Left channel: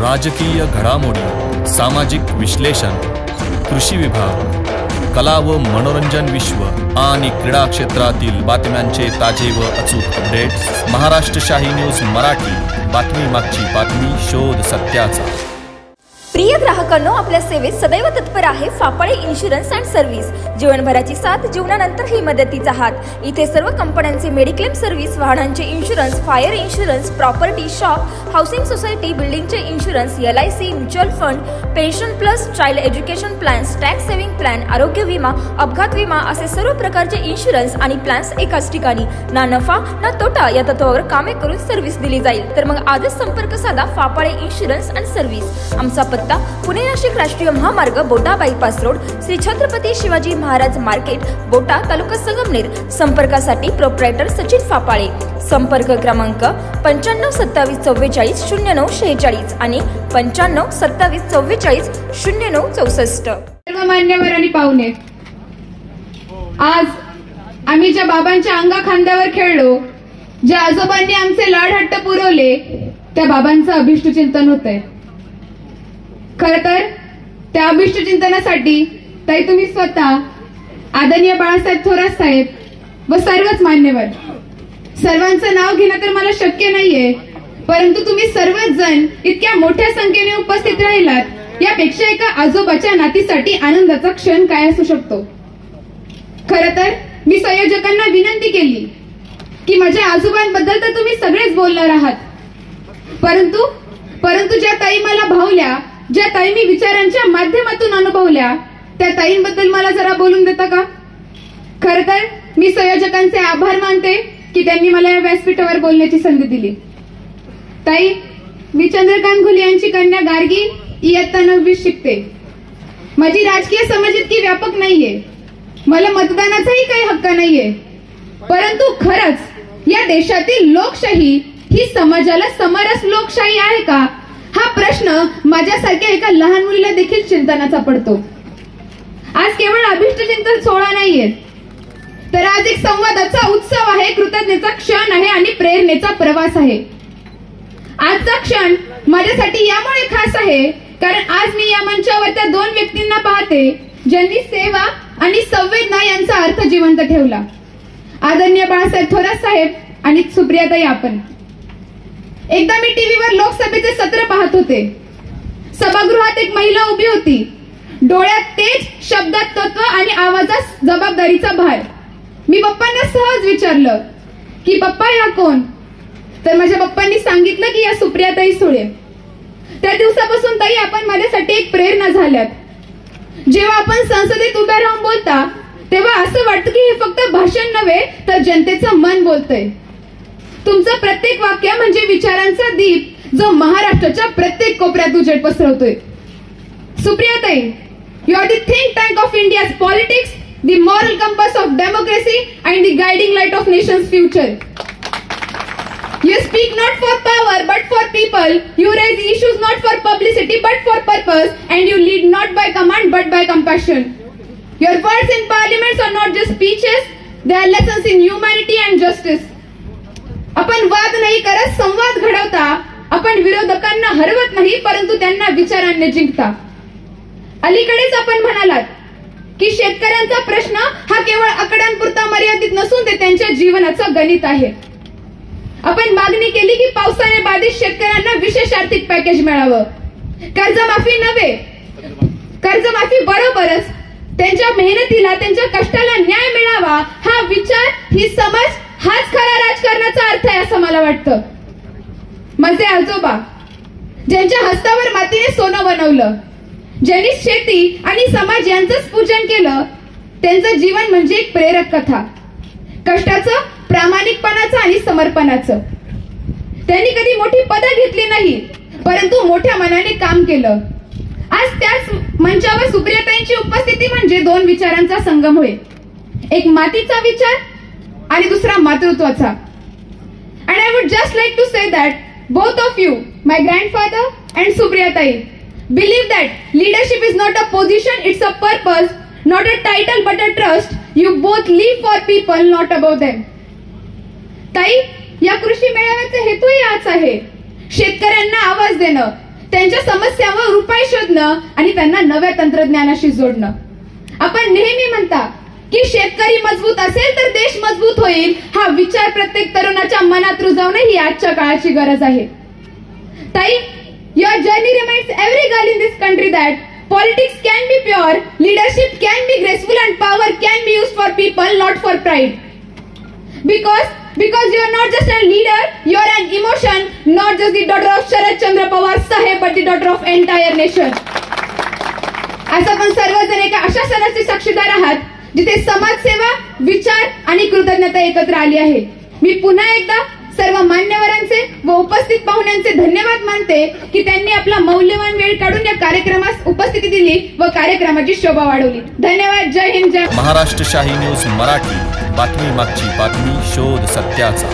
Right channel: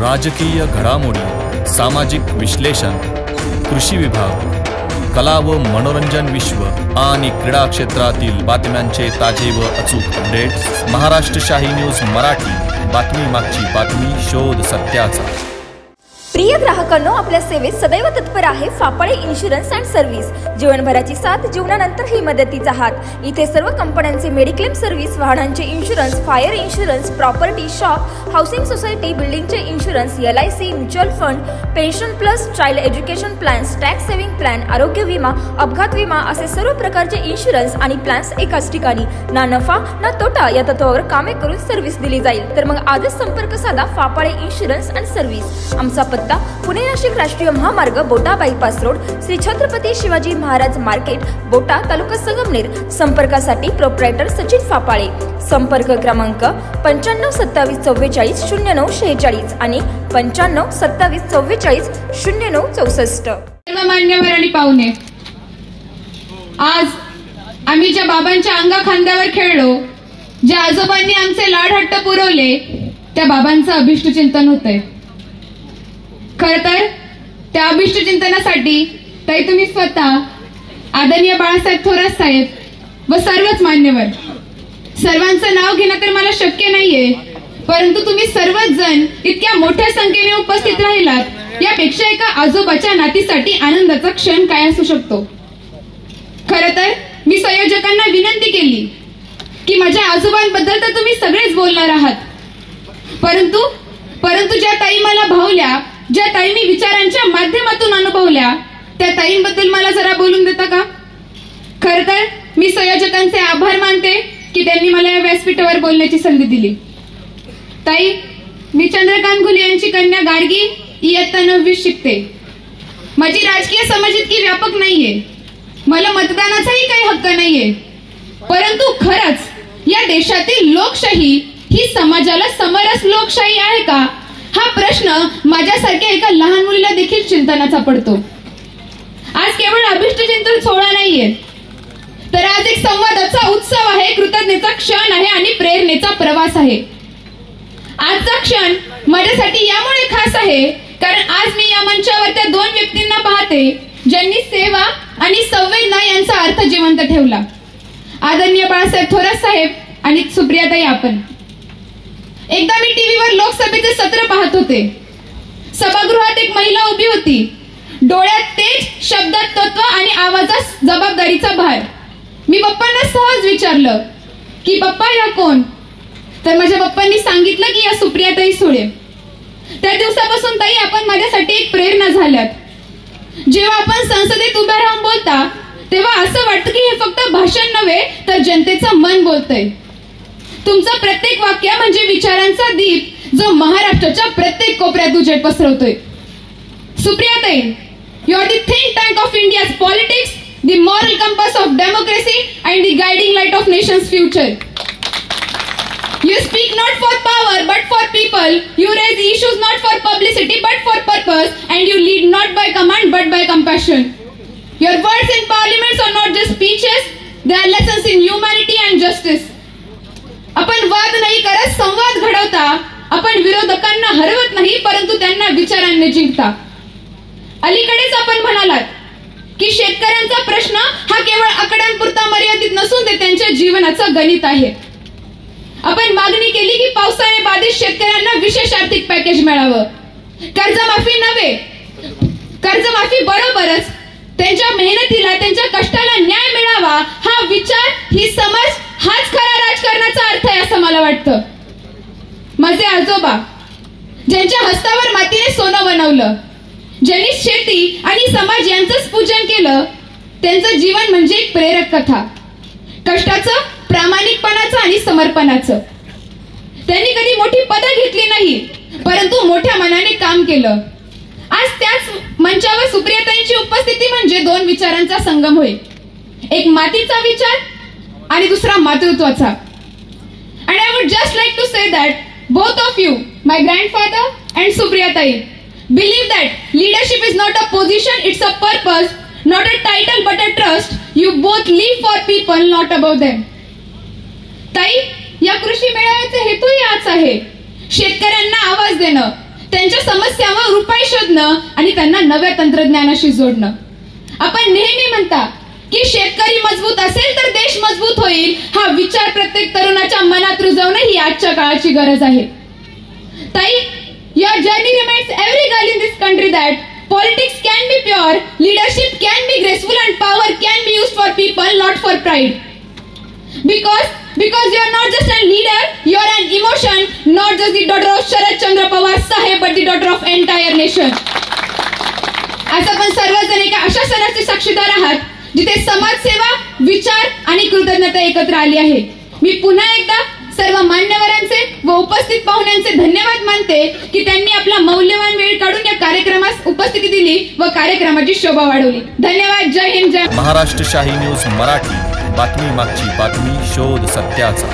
राजकीय घडामोडी, सामाजिक विश्लेषण, कृषी विभाग, कला व मनोरंजन विश्व आणि क्रीडा क्षेत्रातील बातम्यांचे ताजे व अचूक अपडेट्स। महाराष्ट्र शाही न्यूज मराठी, बातमी मागची बातमी, शोध सत्याचा। प्रिय ग्राहकांनो, आपल्या सेवेत सदैव तत्पर आहे फापाळे इन्शुरन्स अँड सर्व्हिस। जीवनभराची साथ, जीवनानंतरही मदतीचा हात। इथे सर्व कंपन्यांचे मेडिक्लेम सर्व्हिस, वाहनांचे insurance, fire insurance, property, shop, housing society, बिल्डिंगचे insurance, LIC, mutual fund, pension plus, child education plans, tax saving plan, आरोग्य विमा, अपघात विमा असे सर्व प्रकारचे इन्शुरन्स आणि प्लॅन्स एकाच ठिकाणी। ना नफा ना तोटा या तत्वावर कामे करून सर्व्हिस दिली जाईल। तर मग आजच संपर्क साधा फापाळे इन्शुरन्स अँड सर्व्हिस। आमचा पत्ता पुणे नाशिक राष्ट्रीय महामार्ग, बोटा bypass road, Shri Chhatrapati Shivaji Maharaj market, बोटा, तालुका संगमनेर। संपर्कासाठी प्रोप्रायटर सचिन फापाळे। संपर्क क्रमांक 95 27 44 09 46 आणि 95 27 44 09 64। मान्यवर आणि पाहुणे, आज आम्ही ज्या बाबांच्या अंगा खांद्यावर खेळलो, ज्या आजोबांनी आमचे लाड हट्ट पुरवले, त्या बाबांचं अभिष्ट चिंतन होतंय। खर तर त्या अभिष्ट चिंतनासाठी ताई तुम्ही स्वतः, आदरणीय बाळासाहेब थोरात साहेब व सर्वच मान्यवर, सर्वांचं नाव घेणं तर मला शक्य नाहीये, परंतु तुम्ही सर्वच जण इतक्या मोठ्या संख्येने उपस्थित राहिलात, यापेक्षा एका आजोबाच्या नातीसाठी आनंदाचा क्षण काय असू शकतो। खर तर मी संयोजकांना विनंती केली की माझ्या आजोबांबद्दल तर तुम्ही सगळेच बोलणार आहात, परंतु ज्या ताई मला भावल्या, ज्या ताई मी विचारांच्या माध्यमातून अनुभवल्या, त्या ताईंबद्दल मला जरा बोलून देता का? खर तर मी संयोजकांचे आभार मानते की त्यांनी मला या व्यासपीठावर बोलण्याची संधी दिली। ताई, मी चंद्रकांत घुले यांची कन्या गार्गी, इयत्ता 9वी शिकते। माझी राजकीय समज इतकी व्यापक नाहीये, मला मतदानाचाही काही हक्क नाहीये, परंतु खरंच या देशातील लोकशाही ही समाजाला समरस लोकशाही आहे का, हा प्रश्न माझ्यासारख्या एका लहान मुलीला देखील चिंतनाचा पडतो। आज केवळ अभिष्ट चिंतन सोहळा नाहीये, तर आज एक संवादाचा उत्सव आहे, कृतज्ञतेचा क्षण आहे आणि प्रेरणेचा प्रवास आहे। आजचा क्षण माझ्यासाठी यामुळे खास आहे कारण आज मी या मंचावर त्या दोन व्यक्तींना पाहते ज्यांनी सेवा आणि संवेदना यांचा अर्थ जिवंत ठेवला। आदरणीय बाळासाहेब थोरात साहेब आणि सुप्रियाताई, आपण एकदा मी टीव्हीवर लोकसभेचे सत्र पाहत होते। सभागृहात एक महिला उभी होती, डोळ्यात तेज, शब्दात तत्व आणि आवाजात जबाबदारीचा भार। मी पप्पांना सहज विचारलं की पप्पा ह्या कोण? तर माझ्या पप्पांनी सांगितलं की या सुप्रियाताई सुळे। त्या दिवसापासून ताई आपण माझ्यासाठी एक प्रेरणा झाल्यात। जेव्हा आपण संसदेत उभे राहून बोलता तेव्हा असं वाटतं की हे फक्त भाषण नव्हे तर जनतेचं मन बोलतंय। तुमचं प्रत्येक वाक्य म्हणजे विचारांचा दीप जो महाराष्ट्राच्या प्रत्येक कोपऱ्यात उजेड पसरवतोय। सुप्रियाताई, you are the think tank of India's politics, the moral compass of democracy and the guiding light of nation's future. You speak not for power but for people. You raise issues not for publicity but for purpose, and you lead not by command but by compassion. Your words in parliaments are not just speeches; they are lessons in humanity and justice. आपण वाद नाही करत, संवाद घडवता। आपण विरोधकांना हरवत नाही, परंतु त्यांना विचारांनी जिंकता। अलीकडेच आपण म्हणालात की शेतकऱ्यांचा प्रश्न हा केवळ आकड्यांपुरता मर्यादित नसून ते त्यांच्या जीवनाचं गणित आहे। आपण मागणी केली की पावसाने बाधित शेतकऱ्यांना विशेष आर्थिक पॅकेज मिळावं। कर्जमाफी नव्हे, कर्जमाफी बरोबरच त्यांच्या मेहनतीला, त्यांच्या कष्टाला न्याय मिळावा, हा विचार, ही समज, हाच खरा राजकारणाचा अर्थ आहे असं मला वाटतं। माझे आजोबा, ज्यांच्या हस्तावर मातीने सोनं बनवलं, ज्यांनी शेती आणि समाज यांचंच पूजन केलं, त्यांचं जीवन म्हणजे एक प्रेरक कथा, कष्टाचं, प्रामाणिकपणाचं आणि समर्पणाचं। त्यांनी कधी मोठी पदं घेतली नाही, परंतु मोठ्या मनाने काम केलं। आज त्याच मंचावर सुप्रियाताईंची उपस्थिती म्हणजे दोन विचारांचा संगम होय, एक मातीचा विचार आणि दुसरा मातृत्वाचा। And I would just like to say that both of you, my grandfather and Supriyatai, believe that leadership is not a position, it's a purpose, not a title but a trust. You both live for people, not above them. ताई, या कृषी मेळाव्याचा हेतूही हाच आहे, शेतकऱ्यांना आवाज देणं, त्यांच्या समस्यांवर उपाय शोधणं आणि त्यांना नव्या तंत्रज्ञानाशी जोडणं. आपण नेहमी म्हणता की शेतकरी मजबूत असेल तर देश मजबूत होईल, हा विचार प्रत्येक तरुणाच्या मनात रुजवणं ही आजच्या काळाची गरज आहे. ताई, your journey reminds every girl in this country that politics can be pure, leadership can be graceful, and power can be used for people, not for pride. Because you are not just a leader, you are an emotion, not just the daughter of Sharad Chandra Pawar Saheb, but the daughter of entire nation. आज आपण सर्वजण एका अशा सणाचे साक्षीदार आहात जिथे समाजसेवा, विचार आणि कृतज्ञता एकत्र आली आहे. मी पुन्हा एकदा सर्व मान्यवरांचे व उपस्थित पाहुण्यांचे धन्यवाद मानते की त्यांनी आपला मौल्यवान वेळ काढून या कार्यक्रमास उपस्थिती दिली व कार्यक्रमाची शोभा वाढवली. धन्यवाद. जय हिंद. जय महाराष्ट्र शाही न्यूज मराठी, बातमी मागची बातमी, शोध सत्याचा.